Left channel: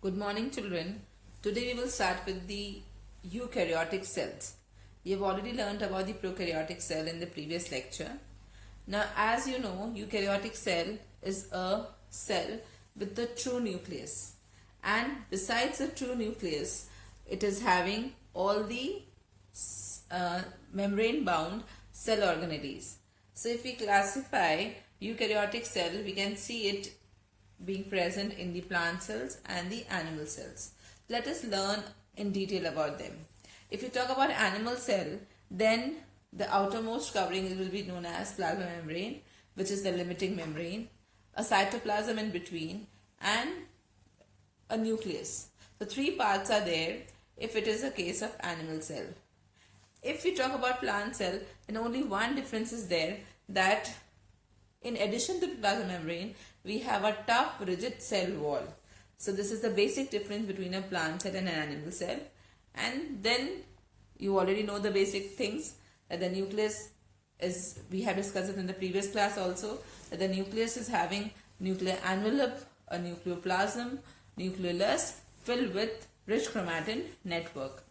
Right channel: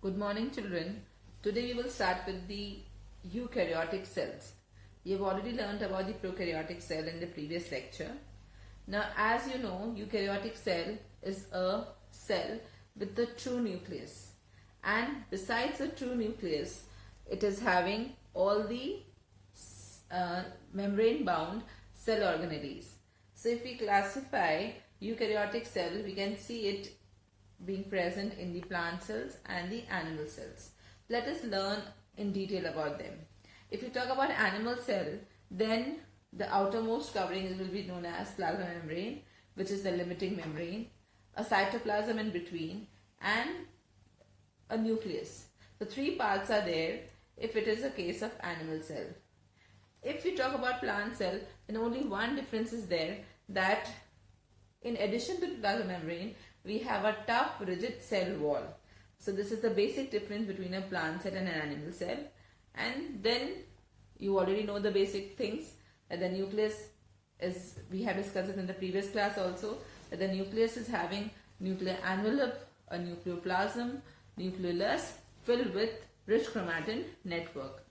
Good morning, children. Today we will start with the eukaryotic cells. We have already learned about the prokaryotic cell in the previous lecture. Now, as you know, eukaryotic cell is a cell with the true nucleus. And besides the true nucleus, it is having all the membrane-bound cell organelles. So, if we classify eukaryotic cell, we can see it being present in the plant cells and the animal cells. Let us learn in detail about them. If you talk about animal cell, then the outermost covering will be known as plasma membrane, which is the limiting membrane, a cytoplasm in between, and a nucleus. The three parts are there if it is a case of animal cell. If we talk about plant cell, then only one difference is there, that in addition to the plasma membrane, we have a tough rigid cell wall. So this is the basic difference between a plant cell and an animal cell. And then you already know the basic things, that the nucleus is, we have discussed it in the previous class also, that the nucleus is having nuclear envelope, a nucleoplasm, nucleolus filled with rich chromatin network.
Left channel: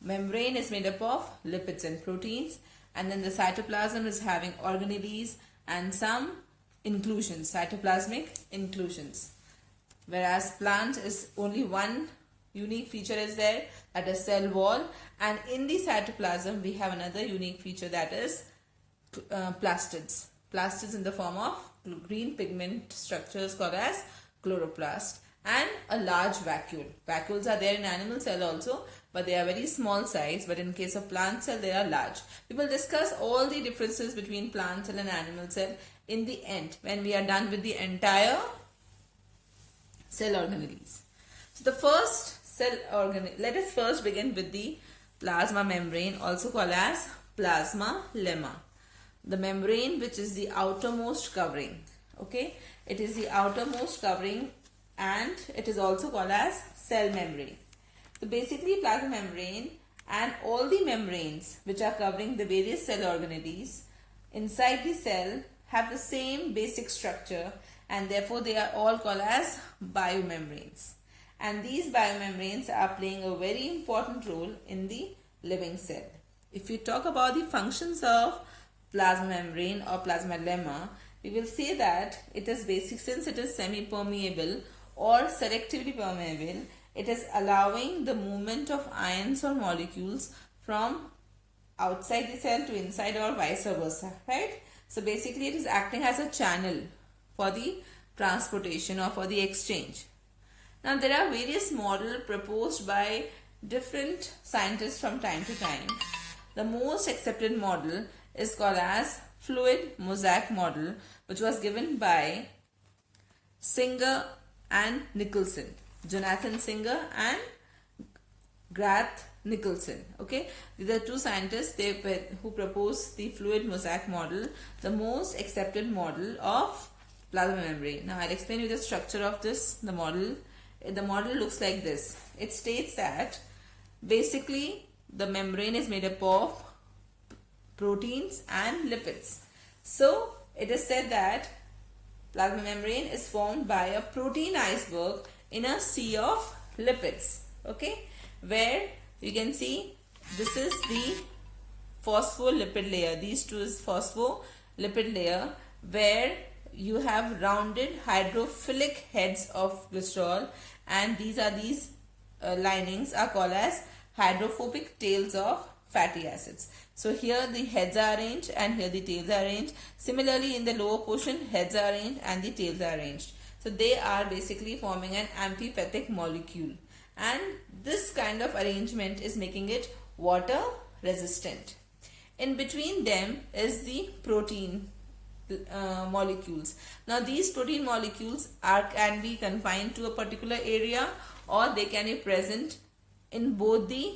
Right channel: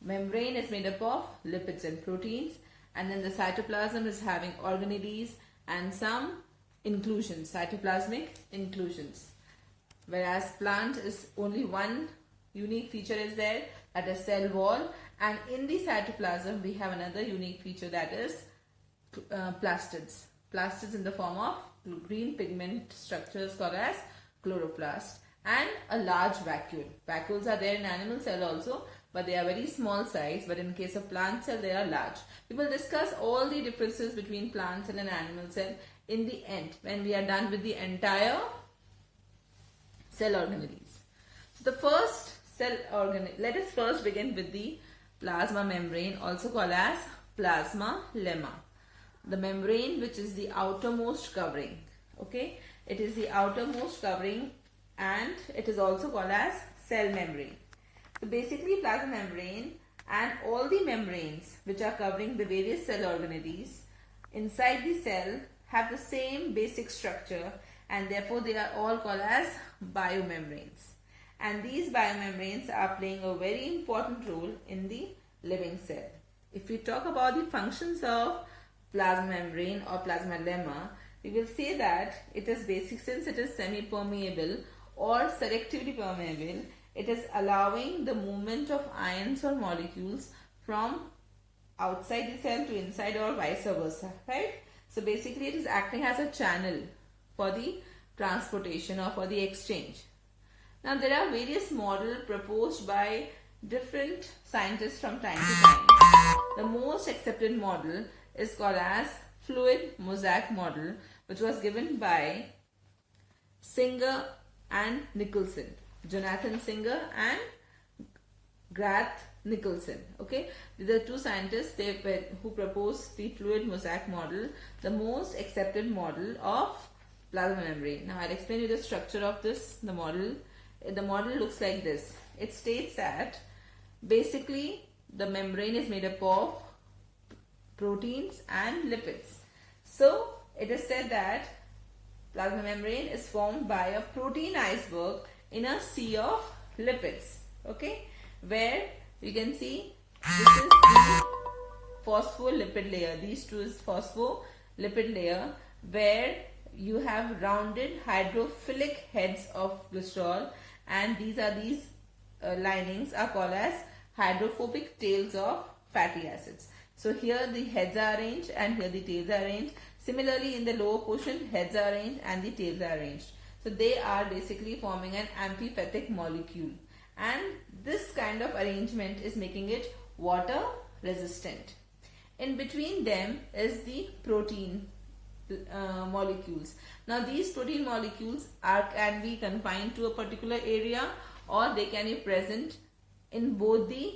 Membrane is made up of lipids and proteins, and then the cytoplasm is having organelles and some inclusions, cytoplasmic inclusions. Whereas plant is only one unique feature is there, that is cell wall, and in the cytoplasm we have another unique feature, that is plastids. Plastids in the form of green pigment structures called as chloroplast, and a large vacuole. Vacuoles are there in animal cell also, but they are very small size, but in case of plant cell they are large. We will discuss all the differences between plant cell and animal cell in the end, when we are done with the entire cell organelles. So the first cell organelle, let us first begin with the plasma membrane, also called as plasma lemma. The membrane which is the outermost covering. Okay, it is the outermost covering and it is also called as cell membrane. So basically plasma membrane and all the membranes which are covering the various cell organelles inside the cell have the same basic structure, and therefore they are all called as biomembranes. And these biomembranes are playing a very important role in the living cell. If we talk about the functions of plasma membrane or plasma lemma, we will say that it is basic, since it is semi-permeable or selectively permeable, it is allowing the movement of ions or molecules from outside the cell to inside or vice versa, right? So basically it is acting as a channel for the transportation or for the exchange. Now there are various models proposed by different scientists from time to time. The most accepted model is called as fluid mosaic model, which was given by Singer and Nicholson. Jonathan Singer and Garth Nicholson. Okay, these are two scientists who proposed the fluid mosaic model, the most accepted model of plasma membrane. Now I'll explain you the structure of this. The model looks like this. It states that basically the membrane is made up of proteins and lipids. So it is said that plasma membrane is formed by a protein iceberg in a sea of lipids. Okay, where you can see this is the phospholipid layer. These two is phospholipid layer, where you have rounded hydrophilic heads of glycerol, and these linings are called as hydrophobic tails of fatty acids. So here the heads are arranged and here the tails are arranged. Similarly in the lower portion, heads are arranged and the tails are arranged. So they are basically forming an amphipathic molecule, and this kind of arrangement is making it water resistant. In between them is the protein molecules. Now these protein molecules can be confined to a particular area, or they can be present in both the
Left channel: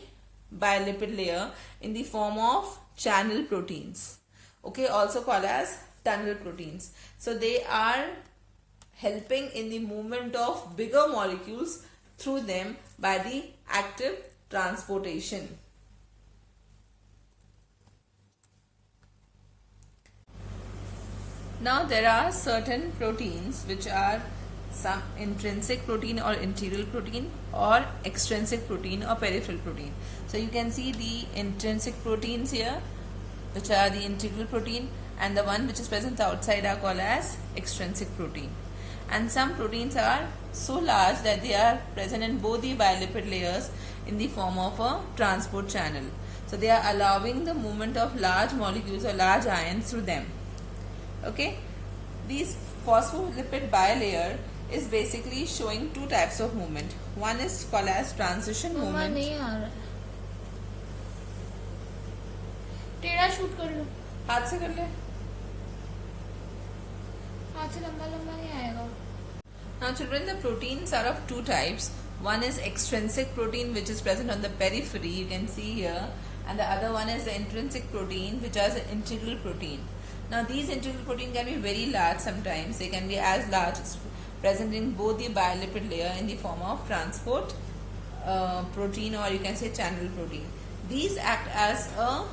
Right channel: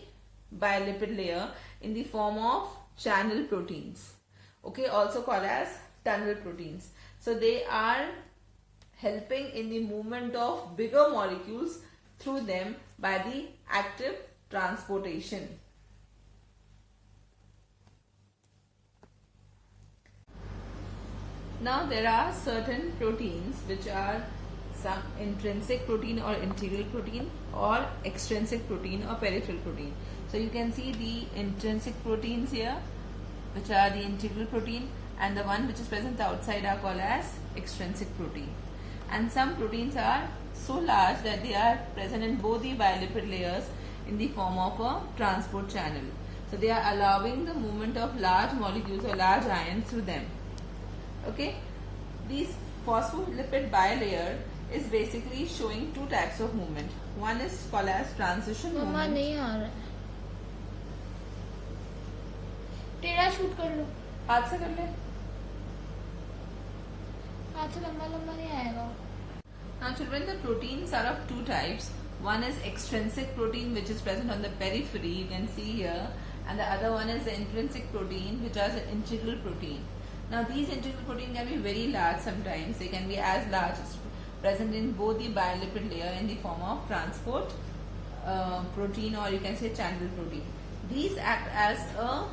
bilipid layer in the form of channel proteins. Okay, also called as tunnel proteins. So they are helping in the movement of bigger molecules through them by the active transportation. Now there are certain proteins which are some intrinsic protein or integral protein, or extrinsic protein or peripheral protein. So you can see the intrinsic proteins here, which are the integral protein, and the one which is present outside are called as extrinsic protein. And some proteins are so large that they are present in both the bilipid layers in the form of a transport channel. So they are allowing the movement of large molecules or large ions through them. Okay, these phospholipid bilayer is basically showing two types of movement. One is called as transition movement. नहीं आ रहा है, टेढ़ा shoot कर लो, हाथ से कर ले. हाथ से लंबा लंबा नहीं आएगा. Now children, the proteins are of two types. One is extrinsic protein, which is present on the periphery, you can see here, and the other one is the intrinsic protein, which is an integral protein. Now these integral protein can be very large sometimes. They can be as large as present in both the bilipid layer in the form of transport protein, or you can say channel protein. These act as a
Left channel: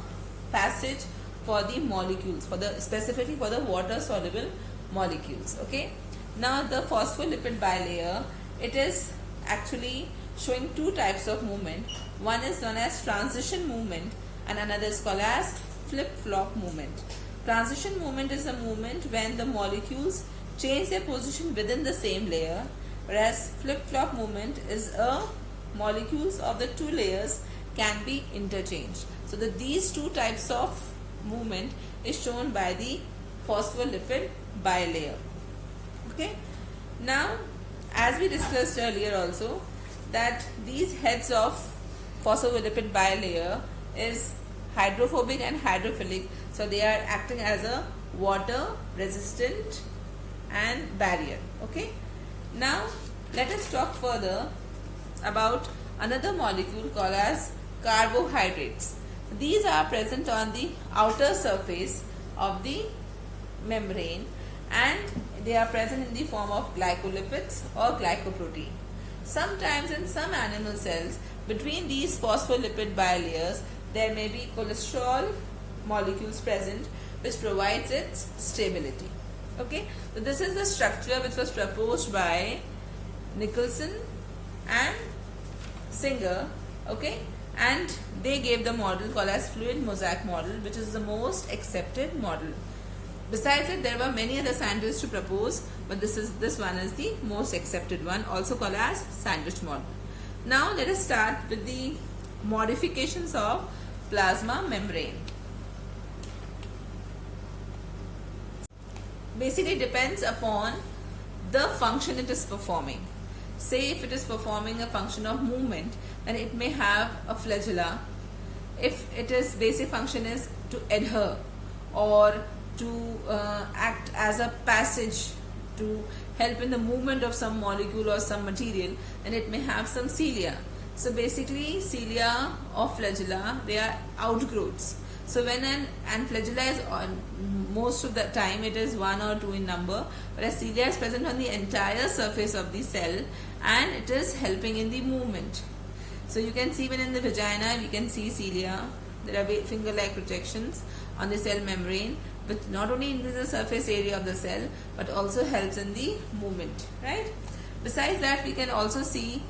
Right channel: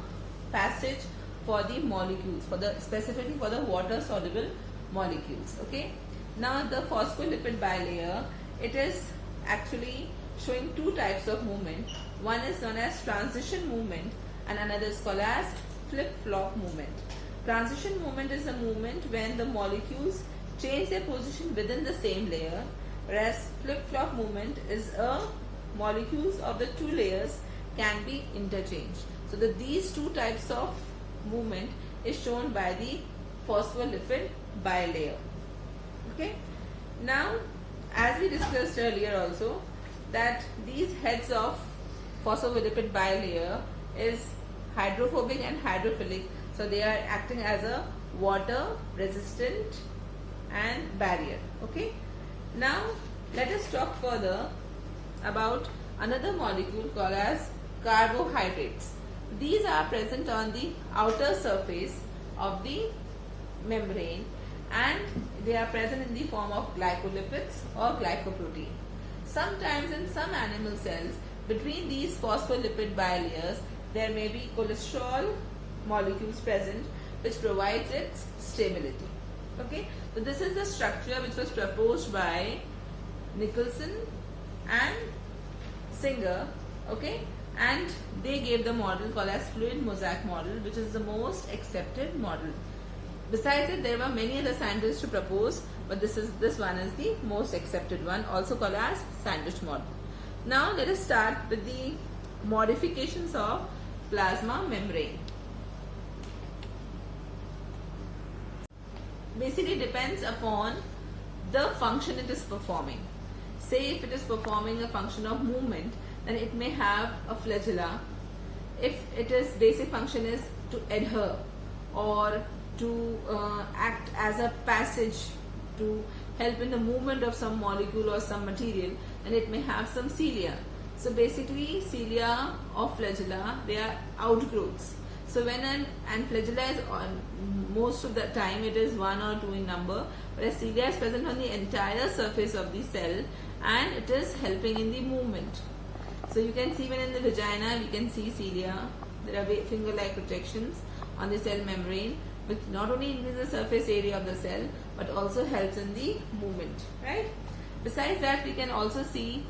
passage for the molecules, specifically for the water soluble molecules. Okay. Now the phospholipid bilayer, it is actually showing two types of movement. One is known as transition movement and another is called as flip-flop movement. Transition movement is a movement when the molecules change their position within the same layer, whereas flip-flop movement is a molecules of the two layers can be interchanged. So these two types of movement is shown by the phospholipid bilayer. Okay. Now, as we discussed earlier also, that these heads of phospholipid bilayer is hydrophobic and hydrophilic. So they are acting as a water resistant and barrier. Okay. Now let us talk further about another molecule called as carbohydrates. These are present on the outer surface of the membrane and they are present in the form of glycolipids or glycoprotein. Sometimes in some animal cells, between these phospholipid bilayers, there may be cholesterol molecules present which provides its stability. Okay, so this is the structure which was proposed by Nicholson and Singer. Okay, and they gave the model called as fluid mosaic model, which is the most accepted model. Besides it, there were many other scientists to propose, but this one is the most accepted one, also called as sandwich model. Now let us start with the modifications of plasma membrane. Basically depends upon the function it is performing. Say if it is performing a function of movement, then it may have a flagella. If its basic function is to adhere or to act as a passage to help in the movement of some molecule or some material, then it may have some cilia. So basically cilia or flagella, they are outgrowths. So when and flagella is on, most of the time it is 1 or 2 in number, whereas cilia is present on the entire surface of the cell and it is helping in the movement. So you can see when in the vagina we can see cilia, there are finger-like projections on the cell membrane, which not only increases the surface area of the cell but also helps in the movement, right? Besides that, we can also see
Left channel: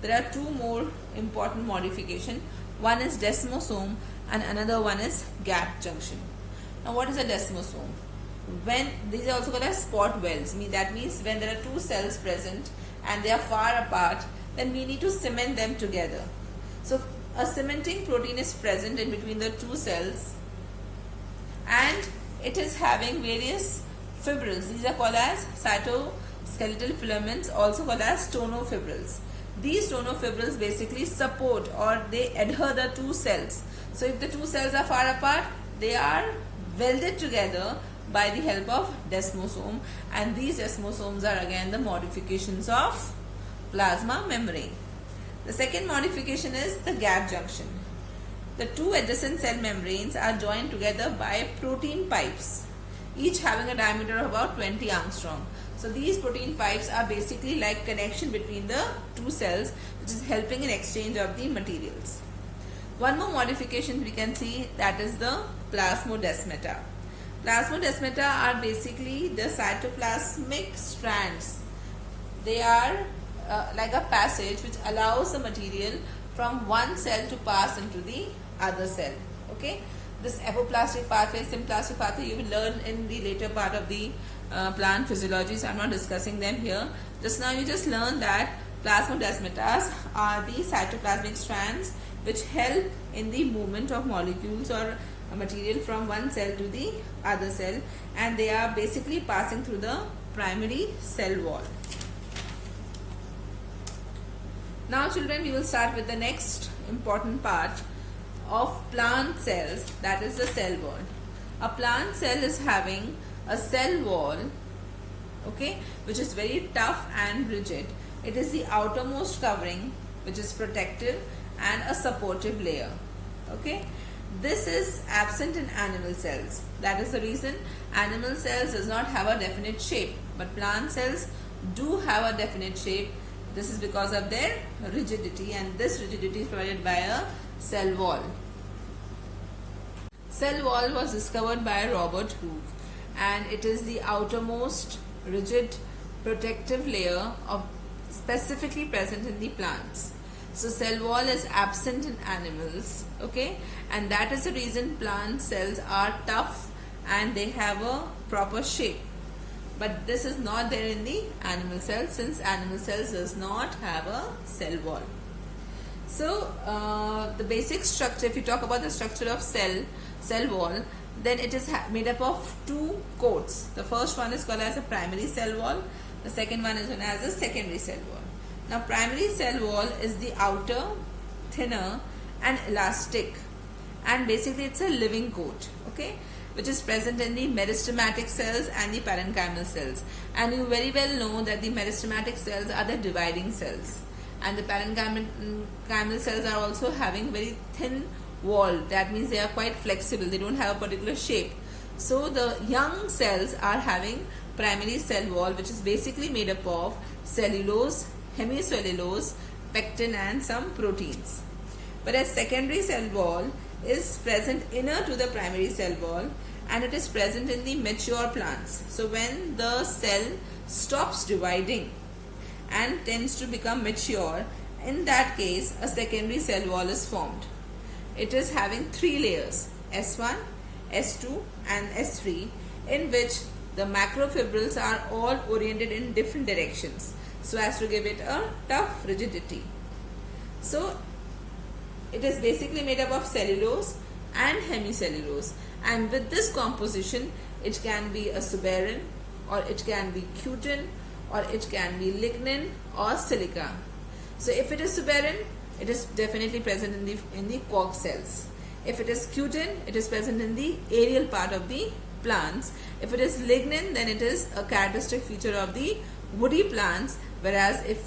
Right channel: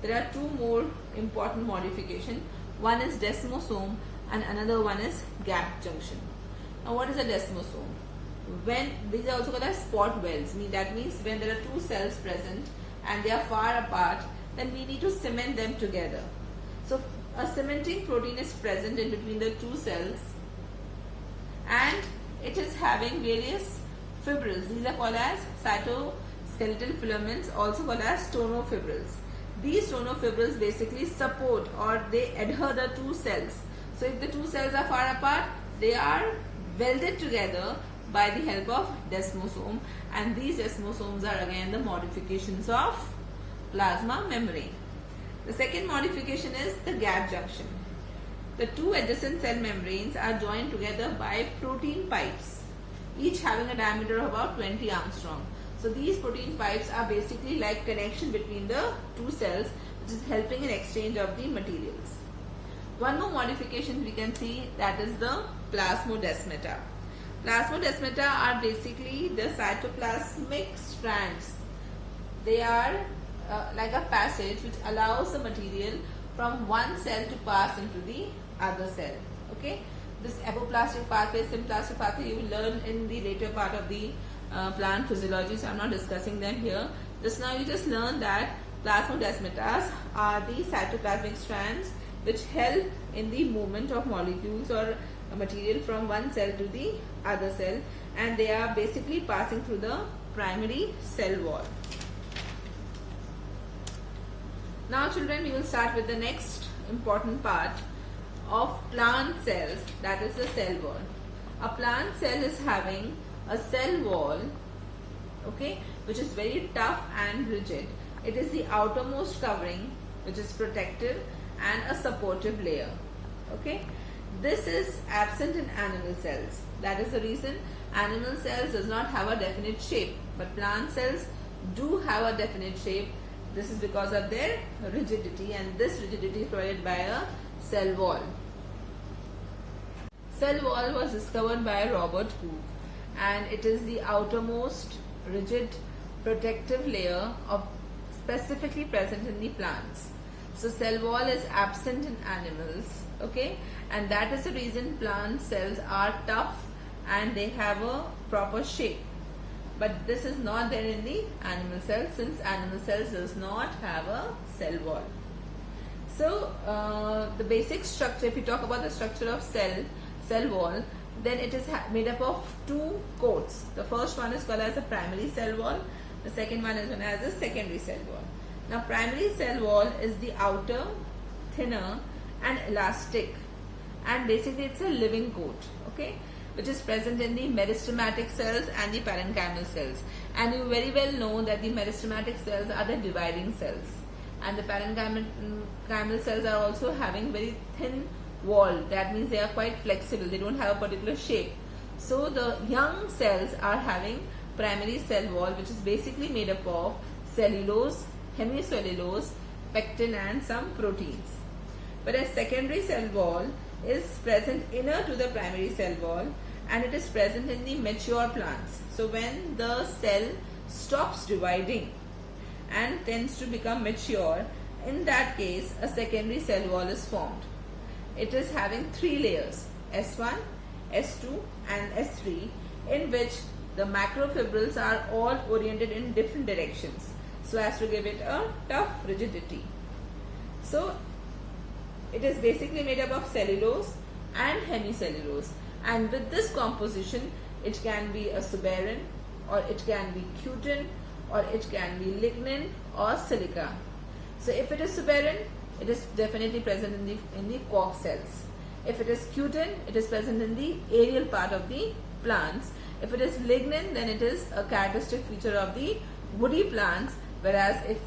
there are two more important modifications. One is desmosome and another one is gap junction. Now what is a desmosome? When these are also called as spot wells, that means when there are two cells present and they are far apart, then we need to cement them together. So a cementing protein is present in between the two cells and it is having various fibrils. These are called as cytoskeletal filaments, also called as tonofibrils. These tonofibrils basically support or they adhere the two cells. So if the two cells are far apart, they are welded together by the help of desmosome, and these desmosomes are again the modifications of plasma membrane. The second modification is the gap junction. The two adjacent cell membranes are joined together by protein pipes, each having a diameter of about 20 angstrom. So these protein pipes are basically like connection between the two cells, which is helping in exchange of the materials. One more modification we can see, that is the plasmodesmata. Plasmodesmata are basically the cytoplasmic strands they are like a passage which allows the material from one cell to pass into the other cell. Okay, this apoplastic pathway, symplastic pathway, you will learn in the later part of the plant physiology, so I'm not discussing them here. Just now you just learned that plasmodesmatas are the cytoplasmic strands which help in the movement of molecules or material from one cell to the other cell, and they are basically passing through the primary cell wall. Now children, we will start with the next important part of plant cells, that is the cell wall. A plant cell is having a cell wall, okay, which is very tough and rigid. It is the outermost covering which is protective and a supportive layer. Okay, this is absent in animal cells. That is the reason animal cells does not have a definite shape, but plant cells do have a definite shape. This is because of their rigidity, and this rigidity is provided by a cell wall. Cell wall was discovered by Robert Hooke, and it is the outermost rigid protective layer of specifically present in the plants. So cell wall is absent in animals, okay, and that is the reason plant cells are tough and they have a proper shape. But this is not there in the animal cells, since animal cells does not have a cell wall. So the basic structure, if you talk about the structure of cell wall, then it is made up of two coats. The first one is called as a primary cell wall. The second one is known as a secondary cell wall. Now primary cell wall is the outer, thinner and elastic, and basically it's a living coat, okay, which is present in the meristematic cells and the parenchymal cells. And you very well know that the meristematic cells are the dividing cells, and the parenchymal cells are also having very thin wall. That means they are quite flexible, they don't have a particular shape. So the young cells are having primary cell wall, which is basically made up of cellulose, hemicellulose, pectin and some proteins. Whereas secondary cell wall is present inner to the primary cell wall, and it is present in the mature plants. So when the cell stops dividing and tends to become mature, in that case a secondary cell wall is formed. It is having three layers, S1, S2 and S3, in which the macrofibrils are all oriented in different directions so as to give it a tough rigidity. So it is basically made up of cellulose and hemicellulose, and with this composition it can be a suberin, or it can be cutin, or it can be lignin or silica. So if it is suberin, it is definitely present in the cork cells. If it is cutin, it is present in the aerial part of the plants. If it is lignin, then it is a characteristic feature of the woody plants, whereas if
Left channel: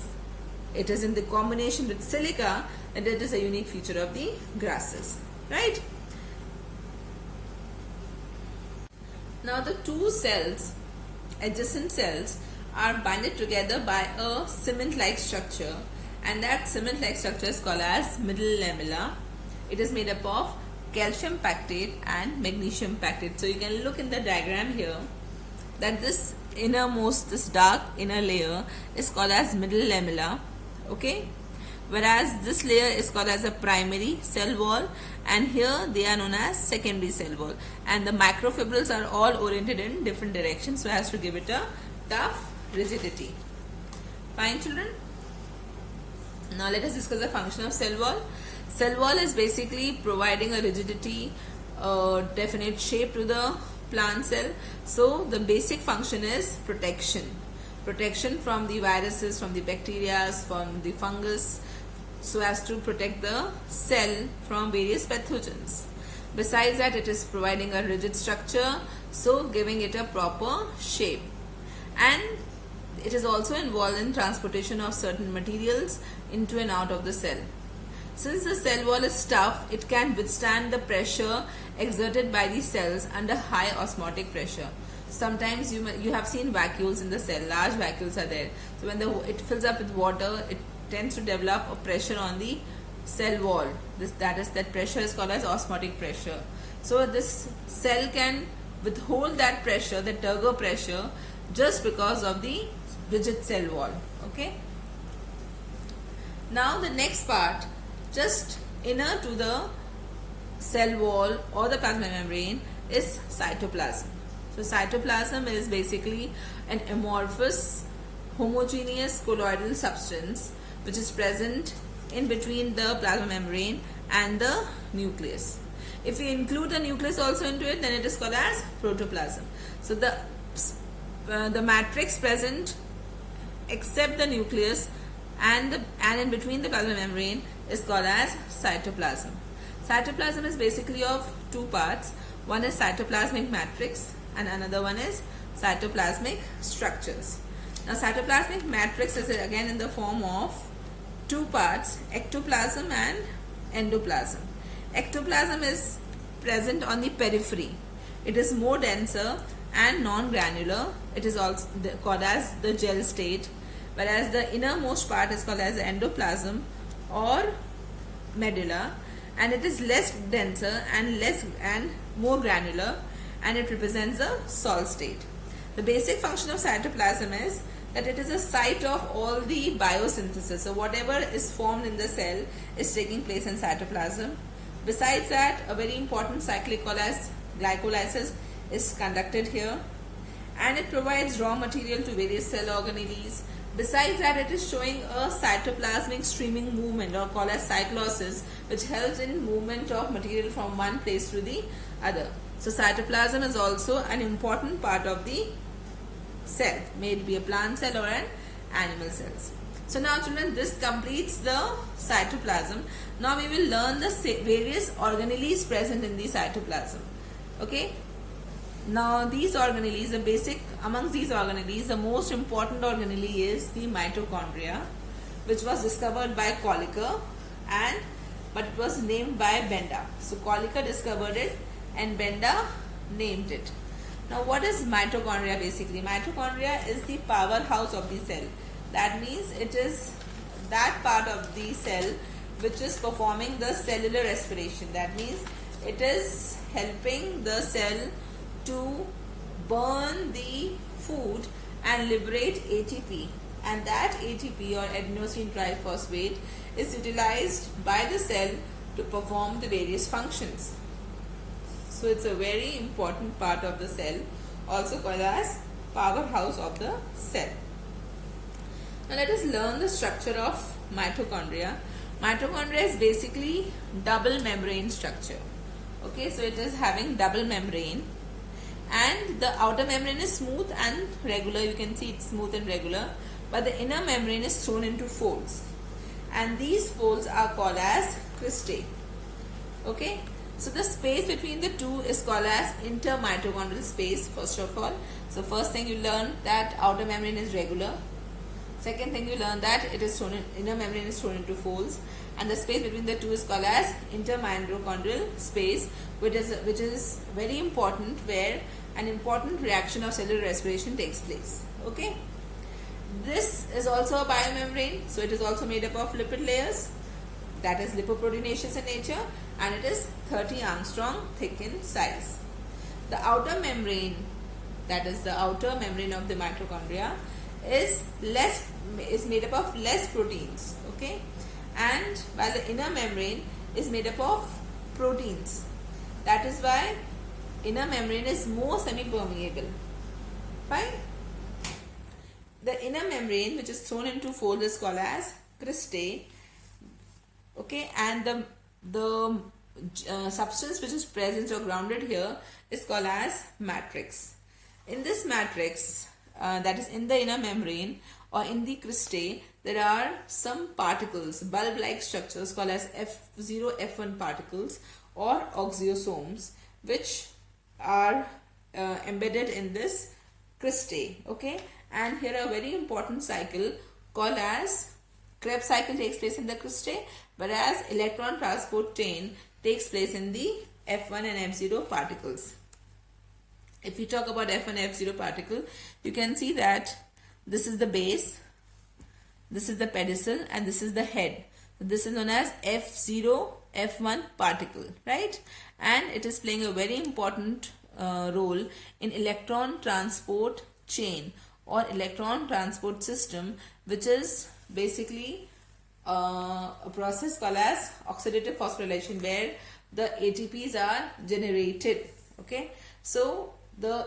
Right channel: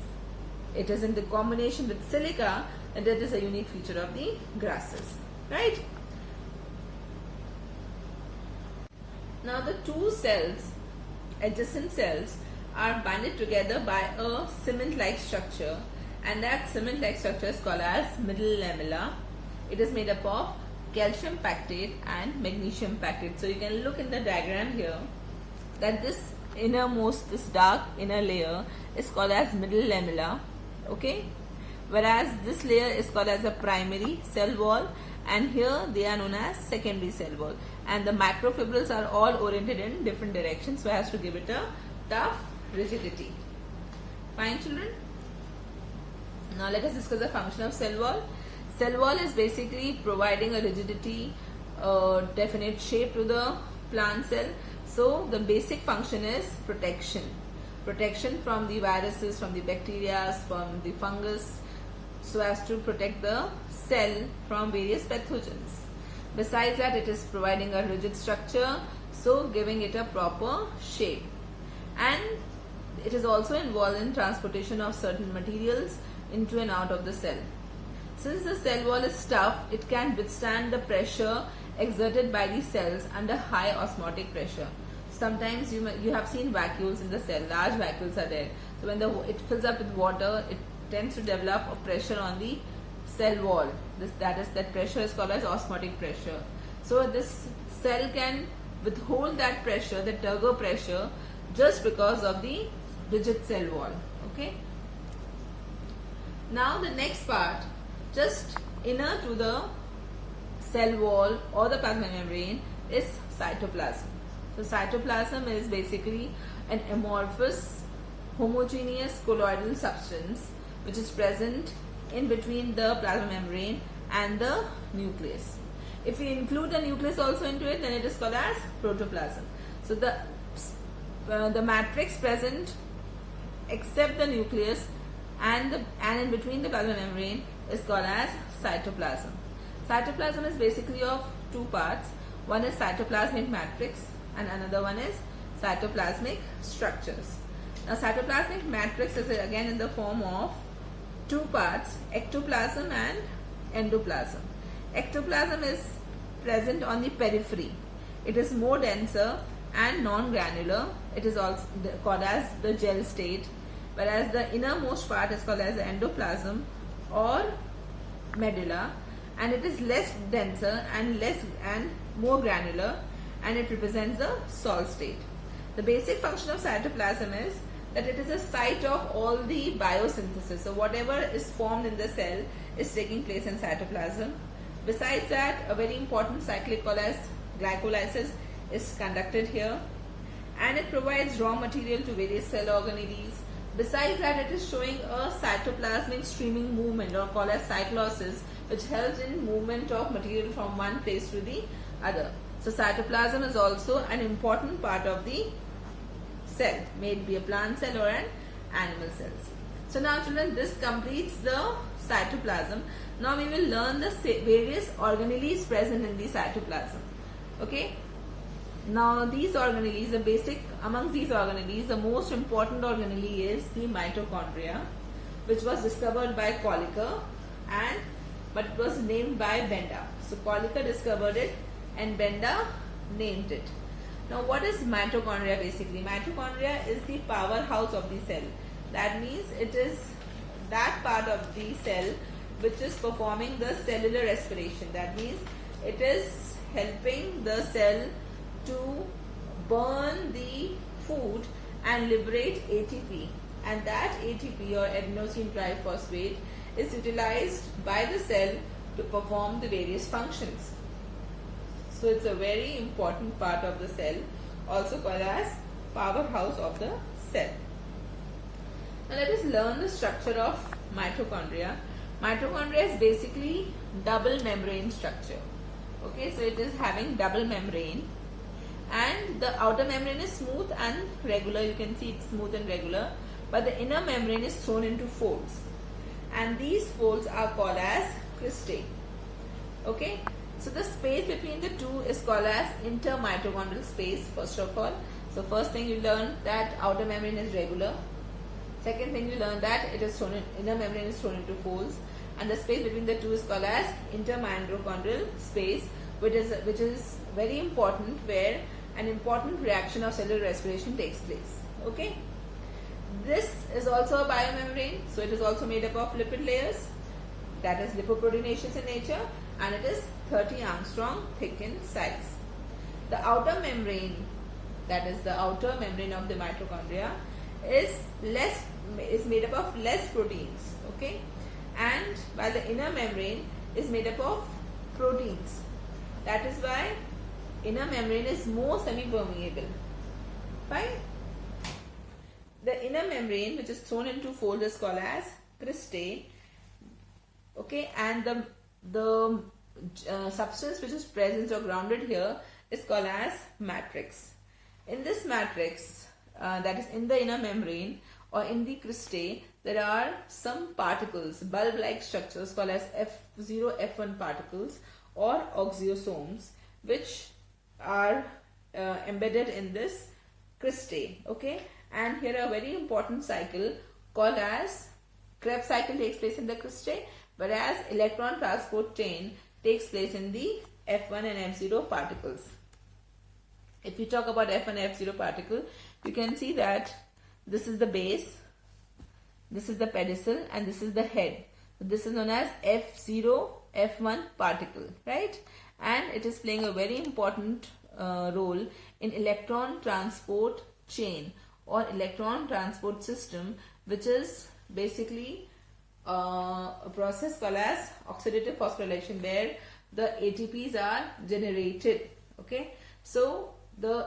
it is in the combination with silica, then it is a unique feature of the grasses, right? Now the two cells, adjacent cells, are binded together by a cement-like structure, and that cement-like structure is called as middle lamella. It is made up of calcium pactate and magnesium pactate. So you can look in the diagram here that this innermost, this dark inner layer is called as middle lamella, okay, whereas this layer is called as a primary cell wall, and here they are known as secondary cell wall, and the macrofibrils are all oriented in different directions so as to give it a tough rigidity. Fine children? Now let us discuss the function of cell wall. Cell wall is basically providing a rigidity, definite shape to the plant cell. So the basic function is protection from the viruses, from the bacteria, from the fungus, so as to protect the cell from various pathogens. Besides that, it is providing a rigid structure, so giving it a proper shape, and it is also involved in transportation of certain materials into and out of the cell. Since the cell wall is tough, it can withstand the pressure exerted by the cells under high osmotic pressure. Sometimes you have seen vacuoles in the cell, large vacuoles are there. So when it fills up with water, it tends to develop a pressure on the cell wall. That pressure is called as osmotic pressure. So this cell can withhold that pressure, the turgor pressure, just because of the rigid cell wall. Okay. Now the next part, just inner to the cell wall or the plasma membrane, is cytoplasm. So cytoplasm is basically an amorphous homogeneous colloidal substance which is present in between the plasma membrane and the nucleus. If we include the nucleus also into it, then it is called as protoplasm. So the matrix present except the nucleus and in between the plasma membrane is called as cytoplasm. Cytoplasm is basically of two parts. One is cytoplasmic matrix and another one is cytoplasmic structures. Now cytoplasmic matrix is again in the form of two parts, ectoplasm and endoplasm. Ectoplasm is present on the periphery. It is more denser and non-granular. It is also called as the gel state, whereas the innermost part is called as the endoplasm or medulla, and it is less denser and more granular, and it represents the sol state. The basic function of cytoplasm is that it is a site of all the biosynthesis. So whatever is formed in the cell is taking place in cytoplasm. Besides that, a very important cyclic called as glycolysis is conducted here, and it provides raw material to various cell organelles. Besides that, it is showing a cytoplasmic streaming movement, or called as cyclosis, which helps in movement of material from one place to the other. So cytoplasm is also an important part of the cell, may it be a plant cell or an animal cells. So now children, this completes the cytoplasm. Now we will learn the various organelles present in the cytoplasm. Okay. Now these organelles, amongst these organelles, the most important organelle is the mitochondria, which was discovered by Kolliker but it was named by Benda. So Kolliker discovered it and Benda named it. Now what is mitochondria basically? Mitochondria is the powerhouse of the cell. That means it is that part of the cell which is performing the cellular respiration. That means it is helping the cell to burn the food and liberate ATP, and that ATP or adenosine triphosphate is utilized by the cell to perform the various functions. So it's a very important part of the cell, also called as powerhouse of the cell. Now let us learn the structure of mitochondria. Mitochondria is basically double membrane structure. Okay, so it is having double membrane, and the outer membrane is smooth and regular. You can see it's smooth and regular, but the inner membrane is thrown into folds, and these folds are called as cristae. Okay, so the space between the two is called as intermitochondrial space, first of all. So first thing you learn that outer membrane is regular. Second thing you learn that inner membrane is thrown into folds, and the space between the two is called as intermitochondrial space, which is very important, where an important reaction of cellular respiration takes place. Okay, this is also a biomembrane, so it is also made up of lipid layers, that is lipoproteinaceous in nature, and it is 30 angstrom thick in size. The outer membrane, that is the outer membrane of the mitochondria, is made up of less proteins. Okay, and while the inner membrane is made up of proteins. That is why inner membrane is more semi-permeable. Fine. The inner membrane, which is thrown into folds, is called as cristae. Okay, and the substance which is present or grounded here is called as matrix. In this matrix, that is in the inner membrane or in the cristae, there are some particles, bulb-like structures called as F0, F1 particles or oxiosomes, which are embedded in this cristae. Okay, and here a very important cycle called as Krebs cycle takes place in the cristae, whereas electron transport chain takes place in the F1 and F0 particles. If you talk about F1 and F0 particle, you can see that this is the base, this is the pedestal, and this is the head. So this is known as F0, F1 particle, right? And it is playing a very important role in electron transport chain or electron transport system, which is basically a process called as oxidative phosphorylation, where the ATPs are generated. Okay, so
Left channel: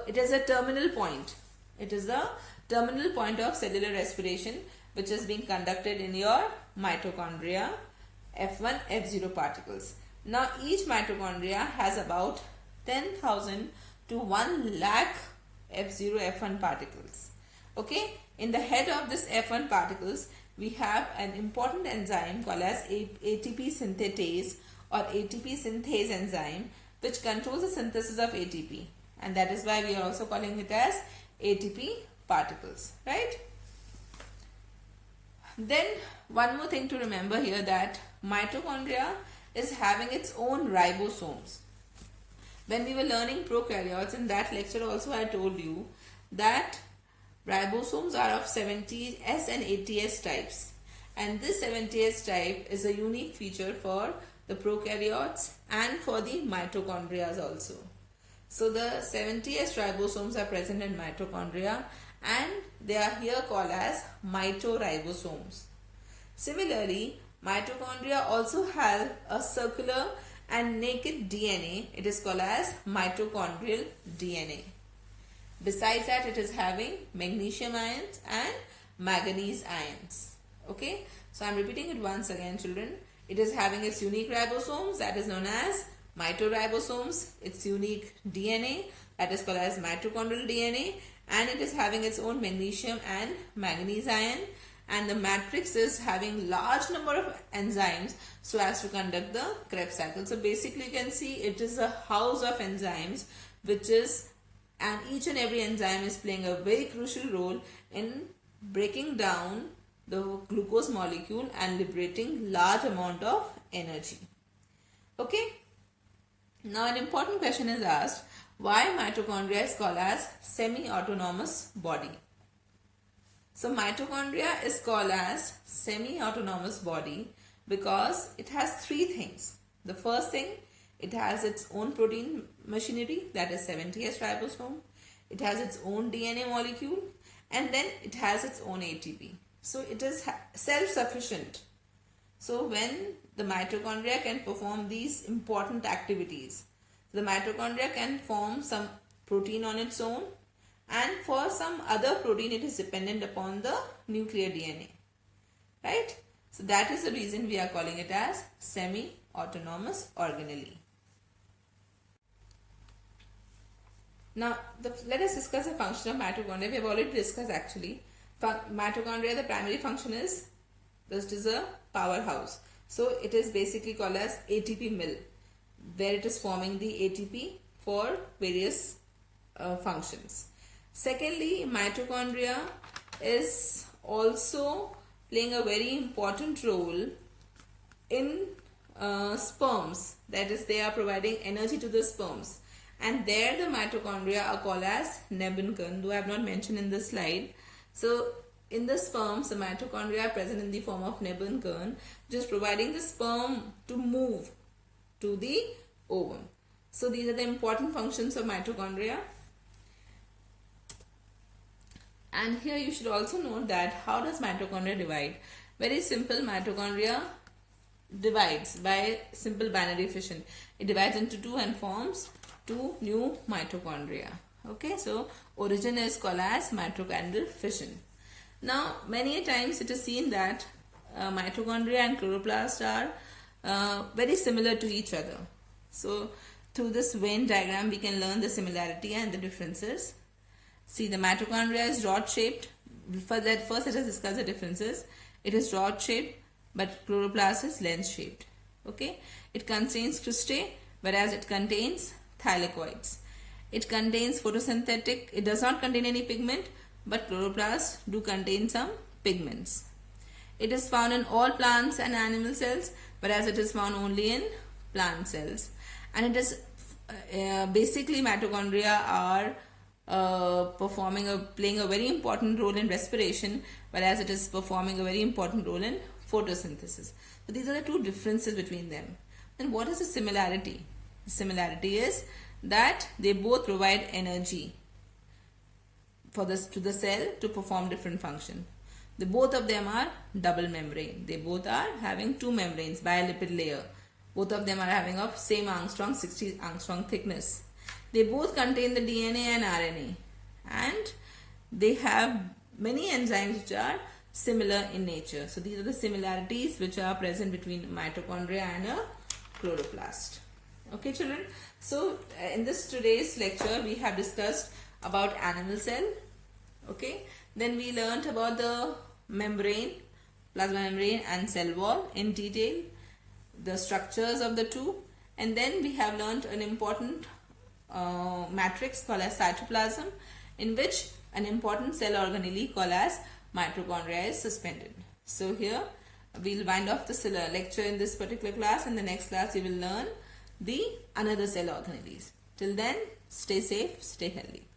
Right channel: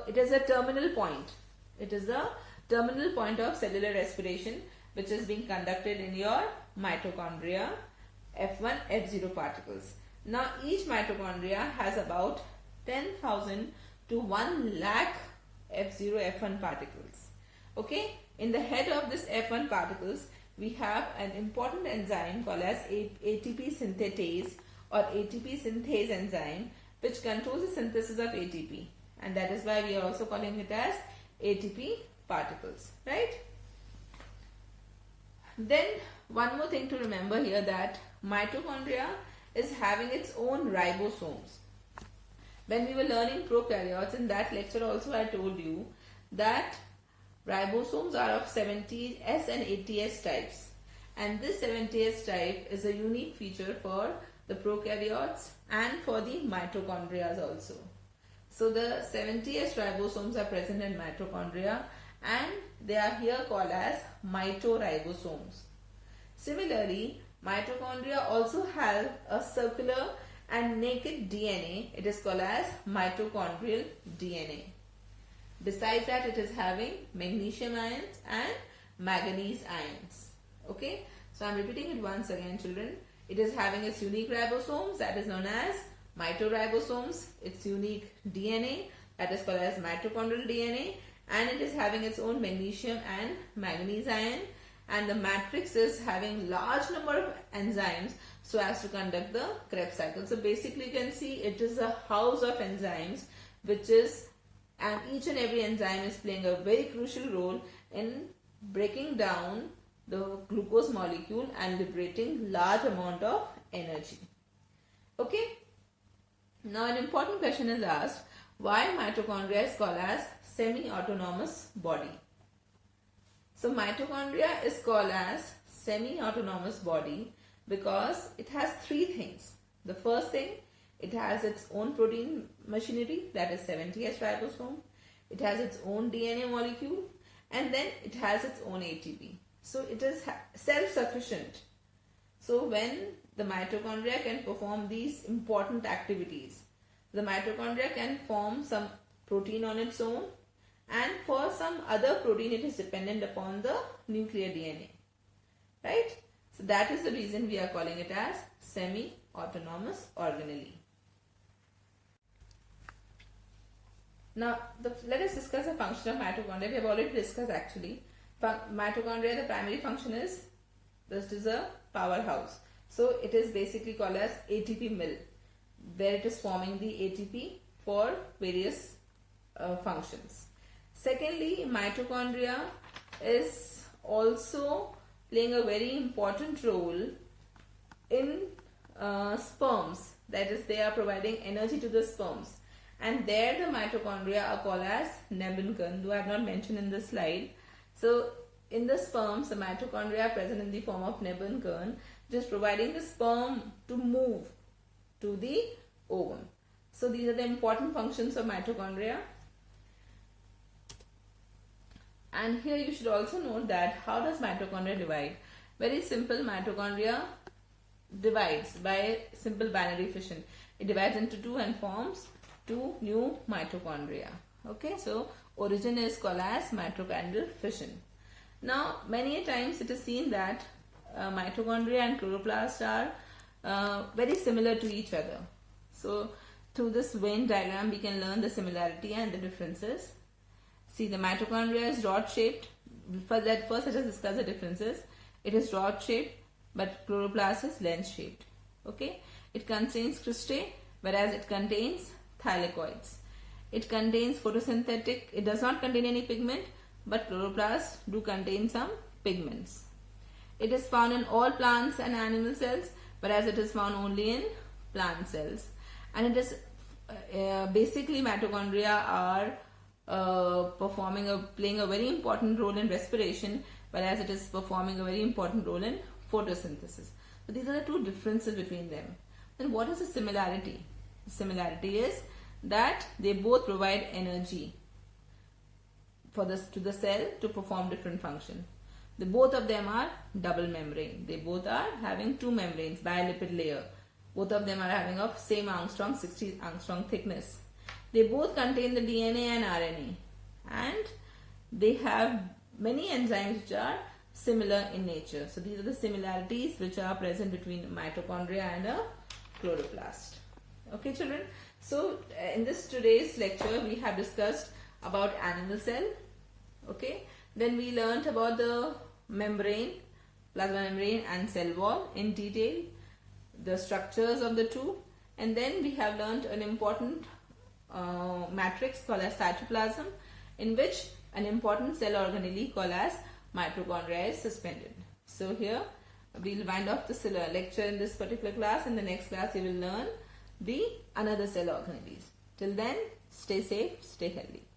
it is a terminal point. It is the terminal point of cellular respiration, which is being conducted in your mitochondria, F1, F0 particles. Now each mitochondria has about 10,000 to 1 lakh F0, F1 particles. Okay, in the head of this F1 particles, we have an important enzyme called as ATP synthetase or ATP synthase enzyme, which controls the synthesis of ATP, and that is why we are also calling it as ATP particles, right? Then one more thing to remember here, that mitochondria is having its own ribosomes. When we were learning prokaryotes, in that lecture also I told you that ribosomes are of 70S and 80S types, and this 70S type is a unique feature for the prokaryotes and for the mitochondria also. So the 70S ribosomes are present in mitochondria, and they are here called as mitoribosomes. Similarly, mitochondria also have a circular and naked DNA. It is called as mitochondrial DNA. Besides that, it is having magnesium ions and manganese ions. Okay, so I am repeating it once again, children. It is having its unique ribosomes, that is known as mitoribosomes, its unique DNA, that is called as mitochondrial DNA, and it is having its own magnesium and manganese ion, and the matrix is having large number of enzymes so as to conduct the Krebs cycle. So basically you can see it is a house of enzymes, and each and every enzyme is playing a very crucial role in breaking down the glucose molecule and liberating large amount of energy. Okay, now an important question is asked, why mitochondria is called as semi-autonomous body? So mitochondria is called as semi-autonomous body because it has three things. The first thing, it has its own protein machinery, that is 70S ribosome. It has its own DNA molecule, and then it has its own ATP. So it is self-sufficient. So when the mitochondria can perform these important activities, the mitochondria can form some protein on its own, and for some other protein it is dependent upon the nuclear DNA, right? So that is the reason we are calling it as semi-autonomous organelle. Now let us discuss the function of mitochondria. We have already discussed actually. Mitochondria, the primary function is, this is a powerhouse. So it is basically called as ATP mill, where it is forming the ATP for various functions. Secondly, mitochondria is also playing a very important role in sperms. That is, they are providing energy to the sperms. And there the mitochondria are called as Nebenkern, though I have not mentioned in this slide. So in the sperms, the mitochondria are present in the form of Nebenkern, which is providing the sperm to move to the ovum. So these are the important functions of mitochondria. And here you should also note that how does mitochondria divide? Very simple, mitochondria divides by simple binary fission. It divides into two and forms two new mitochondria. Okay, so origin is called as mitochondrial fission. Now many a times it is seen that mitochondria and chloroplast are very similar to each other. So through this Venn diagram we can learn the similarity and the differences. See, the mitochondria is rod shaped. First let us discuss the differences. It is rod shaped, but chloroplast is lens shaped. Okay, it contains cristae, whereas it contains thylakoids. It contains photosynthetic. It does not contain any pigment, but chloroplasts do contain some pigments. It is found in all plants and animal cells, whereas it is found only in plant cells. And it is basically mitochondria are playing a very important role in respiration, whereas it is performing a very important role in photosynthesis. So these are the two differences between them. And what is the similarity? The similarity is that they both provide energy to the cell to perform different function. The both of them are double membrane. They both are having two membranes, bilipid layer. Both of them are having of same Armstrong, 60 Armstrong thickness. They both contain the DNA and RNA, and they have many enzymes which are similar in nature. So these are the similarities which are present between mitochondria and a chloroplast. Okay, children. So in this today's lecture we have discussed about animal cell. Okay. Then we learnt about the membrane, plasma membrane and cell wall in detail, the structures of the two, and then we have learnt an important matrix called as cytoplasm, in which an important cell organelle called as mitochondria is suspended. So here we'll wind off the lecture in this particular class. In the next class we will learn the another cell organelles. Till then, stay safe, stay healthy.